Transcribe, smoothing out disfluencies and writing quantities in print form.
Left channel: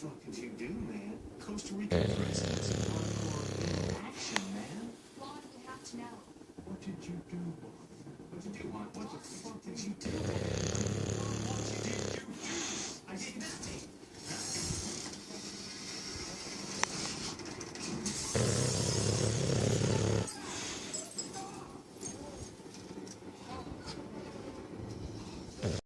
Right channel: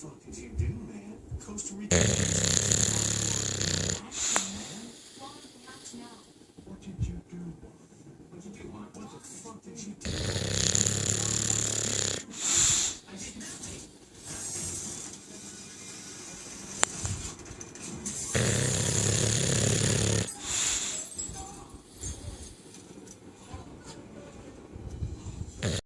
fuck did you do, man? Costa Rica. Action, man. Juan, we have to know. What did you do? What did you do? What the fuck did you do? I did nothing.